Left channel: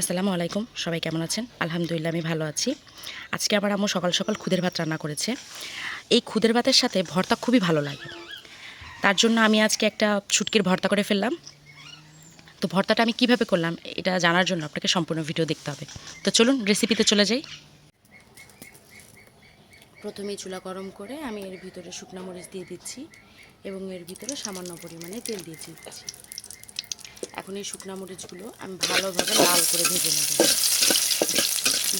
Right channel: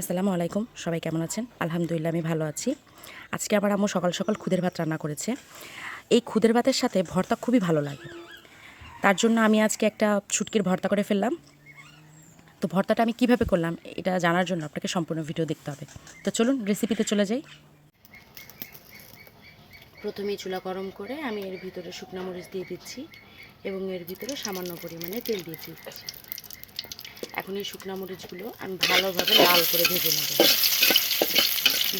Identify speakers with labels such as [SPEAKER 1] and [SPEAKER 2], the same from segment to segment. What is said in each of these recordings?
[SPEAKER 1] আসসালামু আলাইকুম, সবাই কেমন আছেন? আলহামদুলিল্লাহ, আমি ভালো আছি। আজকে আবার আম্মু সকাল সকাল খুদের ভাত রান্না করেছে। এই খুদের ভাতের সাথে ভর্তা খুবই ভালো লাগে। তার জন্য আমি আজকে একটা ছুটকির ভর্তা করে ফেললাম। তো ভর্তাটা আমি কীভাবে করলাম, এটা জানার জন্য আপনাকে সম্পূর্ণ ভিডিও দেখতে হবে। তো চলুন রেসিপিতে চলে যাই। প্রথমেই চুলা গরম করে আমি এর ভিতরে শুকনা মরিচ দিয়ে দিচ্ছি এবং এর ভিতরে সামান্য পরিমাণে তেল দিয়ে দিচ্ছি। এখন এই শুকনা মরিচগুলো আমি ভালোভাবে লাল করে ভেজে নেব।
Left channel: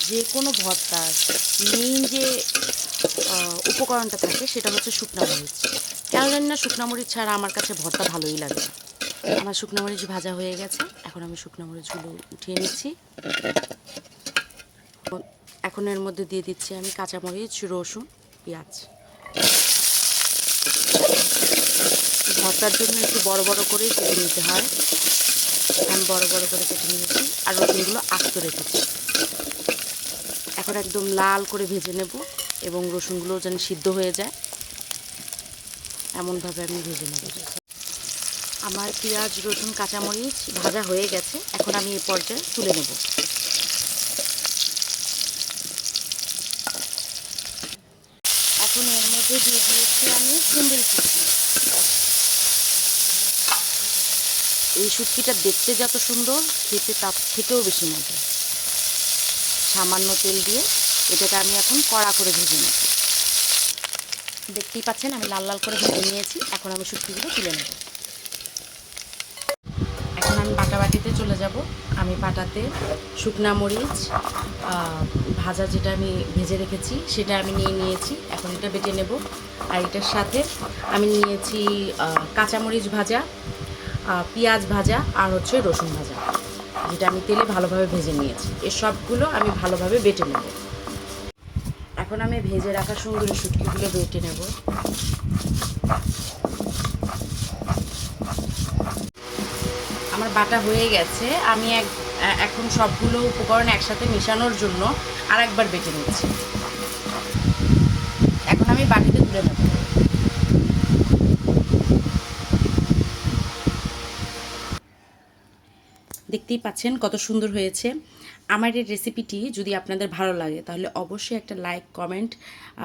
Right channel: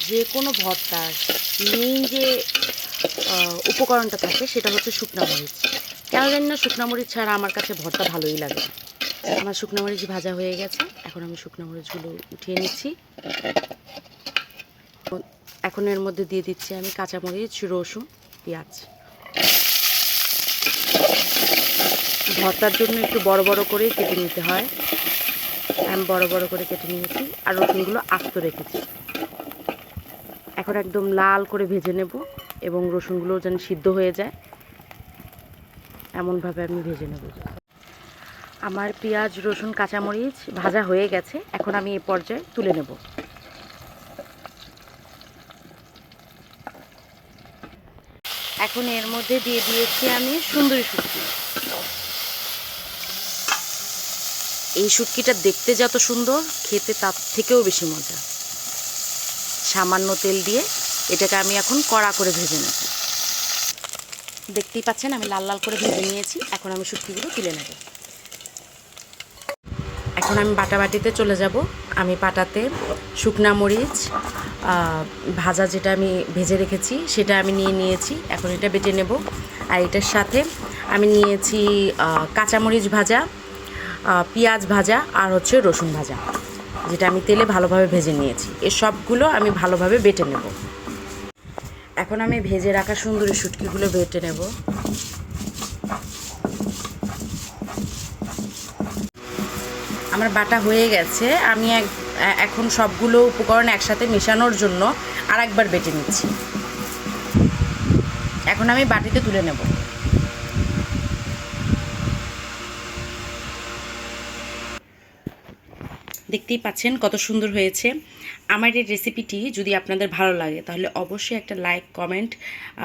[SPEAKER 1] যে কোনো ভর্তার মেইন যে উপকরণটা থাকে সেটা হচ্ছে শুকনা মরিচ। কেন জানি না শুকনা মরিচ ছাড়া আমার কাছে ভর্তা ভালোই লাগে আমার শুকনা মরিচ ভাজা হয়ে গেছে, এখন আমি শুকনা মরিচগুলো উঠিয়ে নিচ্ছি। এখন এর মধ্যে দিয়ে দিচ্ছি আমি কাঁচামরিচ রসুন, পেঁয়াজ। ভর্তার জন্য একটু বড় বড় করে কেটে নিতে হয়। আমি বড় বড় করে কেটে নিয়েছি আর রসুনগুলো আস্ত রেখেছি। এখন একদম লাল করে ভেজে নেব এবং রসুনগুলো যেন সিদ্ধ হয়ে যায়। এমনভাবে আমি ভেজে নেব। আমার পেঁয়াজ, রসুন, কাঁচামরিচ ভাজা হয়ে গেছে। এখন আমি এই পর্যায়ে তুলে নেব। এখন এর মধ্যে দিয়ে দিয়েছি আমি সুন্দরী শুটকি। এই শুটকিটা দেখতে যত সুন্দর, খেতে তার থেকেও বেশি মজা। সামান্য তেল দিয়ে এটাকে আমি এখন কড়া করে ভেজে নেব। দেখতেই পাচ্ছেন, আমি লাল লাল করে ভেজে নিয়েছি। এখন আমি শুটকিগুলো তুলে নেব। এখন আমি বাটাবাটিতে চলে যাব। আমি পাটাতে শুকনা মরিচ ভাজা যেটা আমি ভেজে রেখেছি, সেটা আমি নিয়ে নিয়েছি। এখন এটা বেটে নেব। আর এটার সাথে আমি নিয়েছি কাঁচামরিচ ভাজা। পেঁয়াজ ভাজা আর হচ্ছে রসুন ভাজা, যেটা আমি তেলে ভালোভাবে ভেজে নিয়েছি। এ সবগুলো আমি ভালোভাবে বেটে নেব। এখন আমি ভেজে রাখা সুন্দরী শুটকিগুলো বেটে নেব। আমার বাটা হয়ে গেছে। আমি এক, এখন সবগুলো উপকরণ একসাথে মেশানোর জন্য আর একবার বেটে নিচ্ছি। এখন আমি বাটিতে তুলে নেব। দেখতেই পাচ্ছেন কত সুন্দর হয়েছে। আমার এই রেসিপিটি যদি আপনাদের ভালো লাগে, তাহলে অবশ্যই একটা লাইক কমেন্ট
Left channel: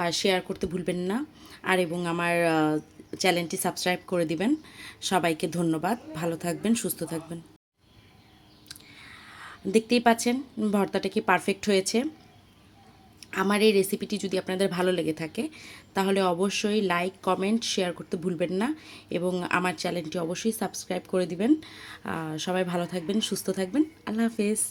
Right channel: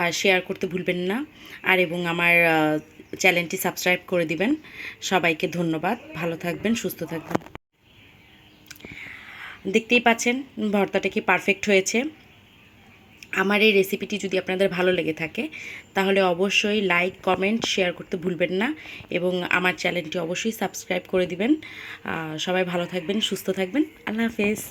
[SPEAKER 1] আর শেয়ার করতে ভুলবেন না। আর এবং আমার চ্যানেলটি সাবস্ক্রাইব করে দিবেন। সবাইকে ধন্যবাদ। ভালো থাকবেন, সুস্থ থাকবেন। দেখতেই পাচ্ছেন, ভর্তাটা কি পারফেক্ট হয়েছে। আমার এই রেসিপিটি যদি আপনাদের ভালো লেগে থাকে, তাহলে অবশ্যই লাইক কমেন্ট শেয়ার করতে ভুলবেন না এবং আমার চ্যানেলটি অবশ্যই সাবস্ক্রাইব করে দিবেন। সবাই ভালো থাকবেন, সুস্থ থাকবেন। আল্লাহ হাফেজ।